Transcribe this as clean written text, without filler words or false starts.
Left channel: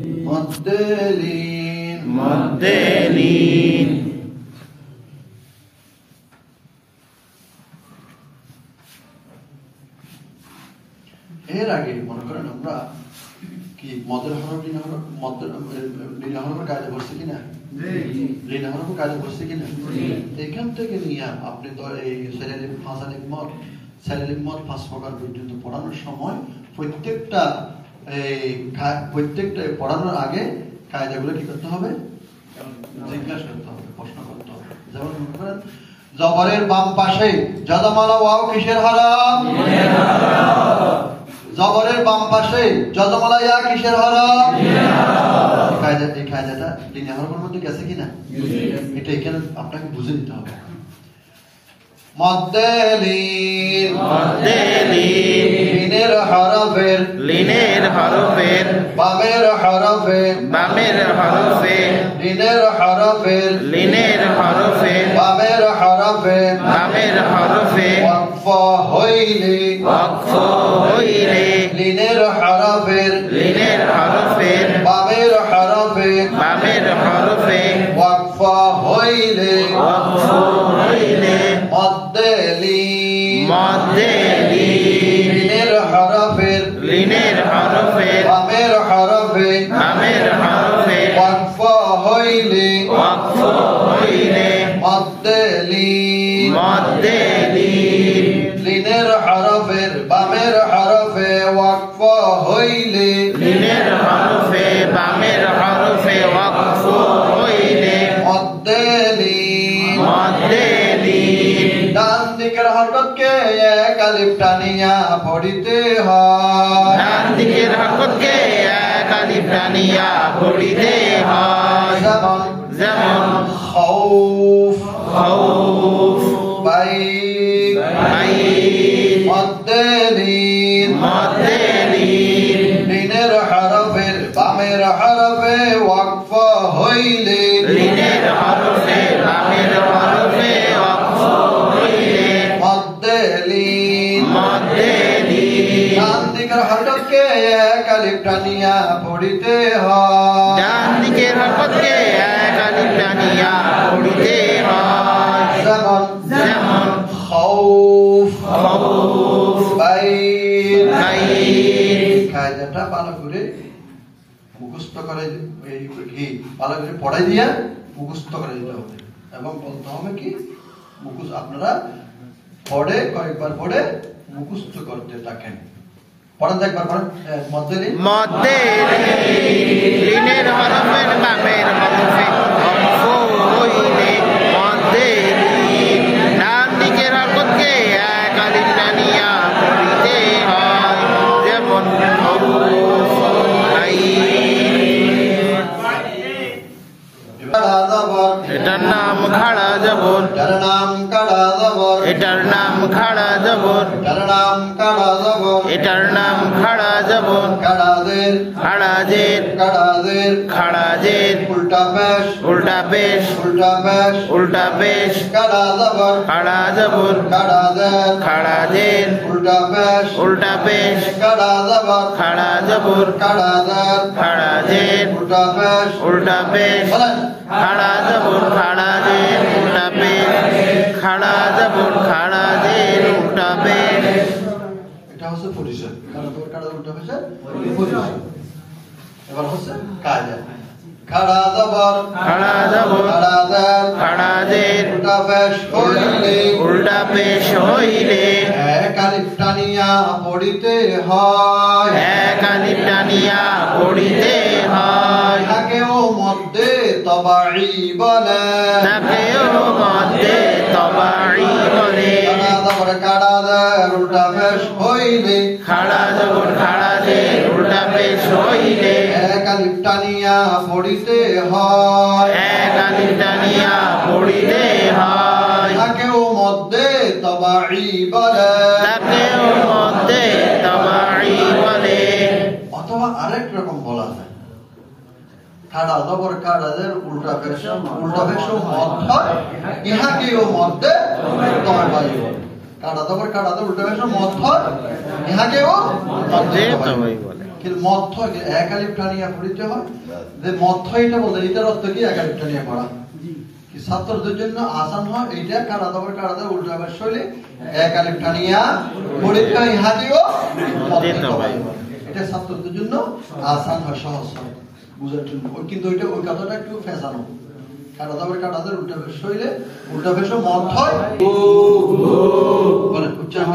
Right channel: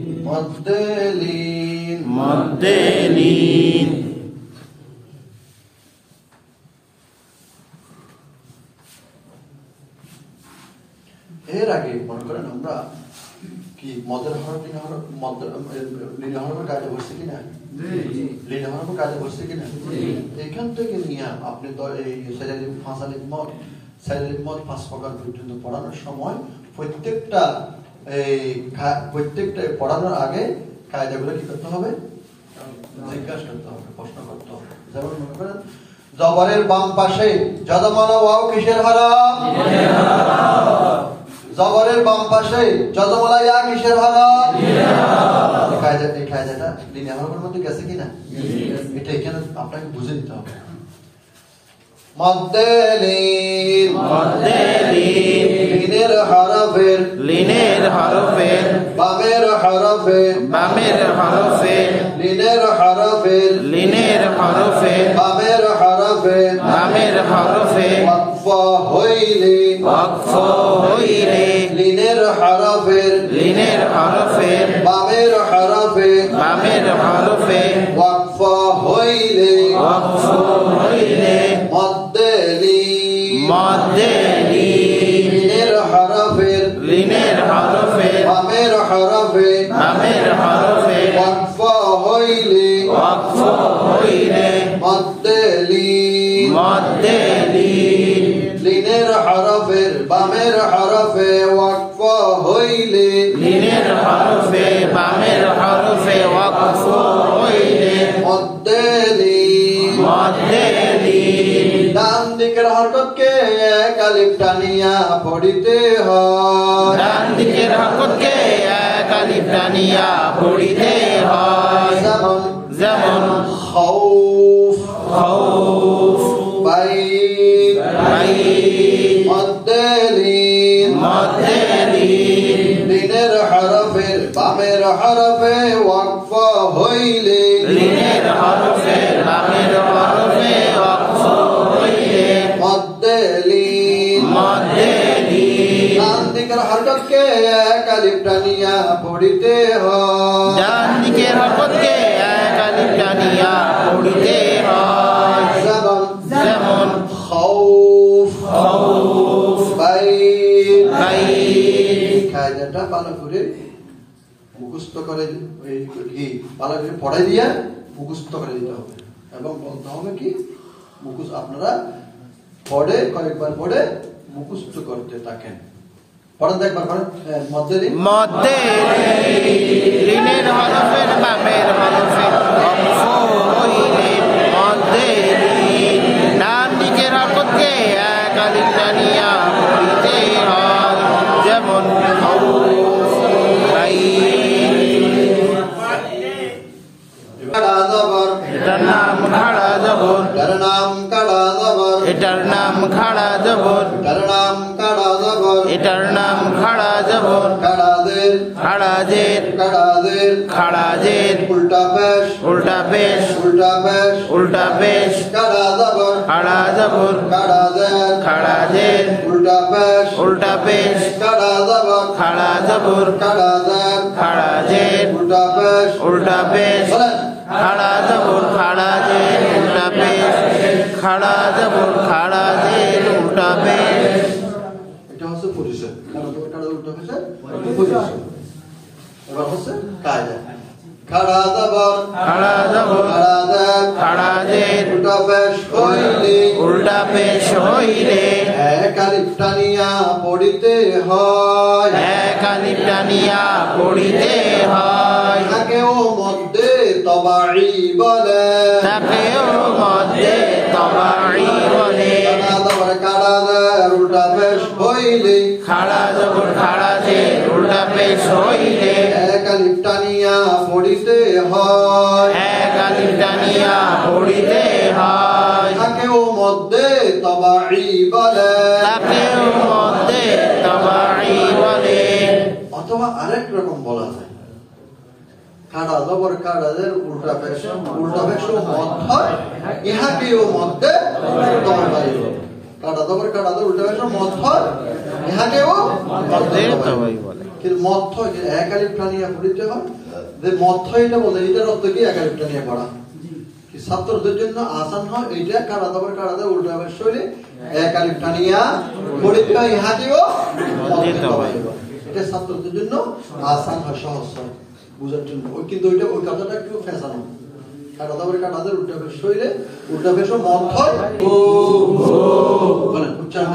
মদ্দেলিন মদ্দেলিন। এর আগে মনে করেন আমরা কি মদের হরফ লিনা হরফ মদের লিনা হরফের কাজে বসছে কিনা, লিনা হরফের কাজে বসছে কিনা, এখান থেকে নিয়ে আপনি তো এই সেলিম ফাসালিম মদ সেলিম মদ 5 প্রকার পর্যন্ত পড়ানোর সময় প্রত্যেকটা পড়ানোর আগে কায়দাগুলো কি করতে হবে, জিজ্ঞাসা করতে হবে, প্রশ্ন করতে হবে। যেমন মনে করেন জবরের বাম পাশে যজমালা ওয়াও কিসের হরফ, জবরের বাম পাশে যজমালা ইয়া কিসের হরফ, এই কায়দাটা লিনা হরফের মধ্যে গেছে কিনা, এটা এখানে আপনাকে বুঝে নিতে হবে। মদ্দেলিন লিনের হরফের বামের হরফে লিনের হরফের বামের হরফে ওয়াকফ হইলে লিনের হরফের বামের হরফে ওয়াকফ হইলে লিনের হরফের বামের হরফে ওয়াকফ হইলে লিনের হরফের বামের হরফে ওয়াকফ হইলে ডান দিকের হরকতকে এক আলিফ টানিয়া পড়িতে হয়, যেমন খাউফ বাইত মদ্দেলিন লিনের হরফের বামের হরফে ওয়াকফ হইলে মদ্দেলিন ডান দিকের হরকতকে এক আলিফ টানিয়া পড়িতে হয়, যেমন খাউফ বাইত। কায়দাটা ভালো করে মুখস্থ করে ভালো করে পড়াই দিয়া মুখস্থ করে দিতে হবে এবং বলতে হবে কি মুখস্থ আপনারা পড়ে কয়েকবার পড়ে মুখস্থ করতে থাকেন। পড়েন তো একবার, পড়েন মদ্দেলিনের হরফের বামের হরফে ওয়াকফ হইলে মদ্দেলিন ডান দিকের হরকতকে এক আলিফ টানিয়া পড়িতে হয়, যেমন খাউফ বাইত। এটার নাম খাড়া জবর, এটার নাম কাড়া জবর, এটার নাম খাড়া জবর, এটার নাম কাড়া জবর, এটার নাম খাড়া জবর, কাড়াদের খাড়াজের কাড়াদের খাড়াজের উল্টা পেশ উল্টা পেশ উল্টা পেশ উল্টা পেশ কাড়া জবর খাড়া জবর কাড়াদের খাড়াজের উল্টা পেশ উল্টা পেশ কাড়া জবর খাড়া জবর কাড়াদের খাড়াজের উল্টা পেশ উল্টা পেশ বলেন খাড়া জবর খাড়াজের উল্টা পেশ খাড়া জবর খাড়াজের উল্টা পেশ। এটা হচ্ছে পজিশন, কাড়া জবর কাড়া উল্টা পেশ পজিশন। এবার হচ্ছে কায়দা খাড়া জবর কাড়াদের খাড়াজের উল্টা পেশ হইলে উল্টা পেশ হইলে এক আলিফ টানিয়া পড়িতে হয়, এক আলিফ টানিয়া পড়িতে হয়, তাকেও মধ্যে তবাই বলে, তাকেও মধ্যে তবাই বলে। কাড়া জবর কাড়াদের উল্টা পেশ হইলে খাড়া জবর খাড়াজের উল্টা পেশ হইলে এক আলিফ টানিয়া পড়িতে হয়, এক আলিফ টানিয়া পড়িতে হয়, তাকেও মধ্যে তবাই বলে, তাকেও মধ্যে তবাই বলে। অথবা আরেক রকম বলা যায় কাড়া জবর কাড়াদের উল্টা পেশ মধ্য ইহাকেও মধ্যে তবাই বলে, কাড়া জবর কাড়াদের উল্টা পেশ মধ্য ইহাকেও মধ্যে তবাই বলে। কিন্তু মধ্য এক আলিফ টানিয়া পড়িতে হয় যে মধ্য এটা বলতে এটার অর্থ কি এক আলিফ টানিয়া পড়া কি ছাত্রদের জন্য আসান হয় এইটা কারা দাবার উল্টা আবার শৈলী এক আলিফ টানিয়া পড়িতে হয় ইহাদিও এটা ছাত্রদের জন্য আসান হয় সহজ হয় বুঝার জন্য কিন্তু ওইটা ওই কথাটা একটু ফেঁসানো কারা দাবার উল্টা বেশ শৈলে উল্টা বেশ মধ্য হয় বলেন উচ্চারণ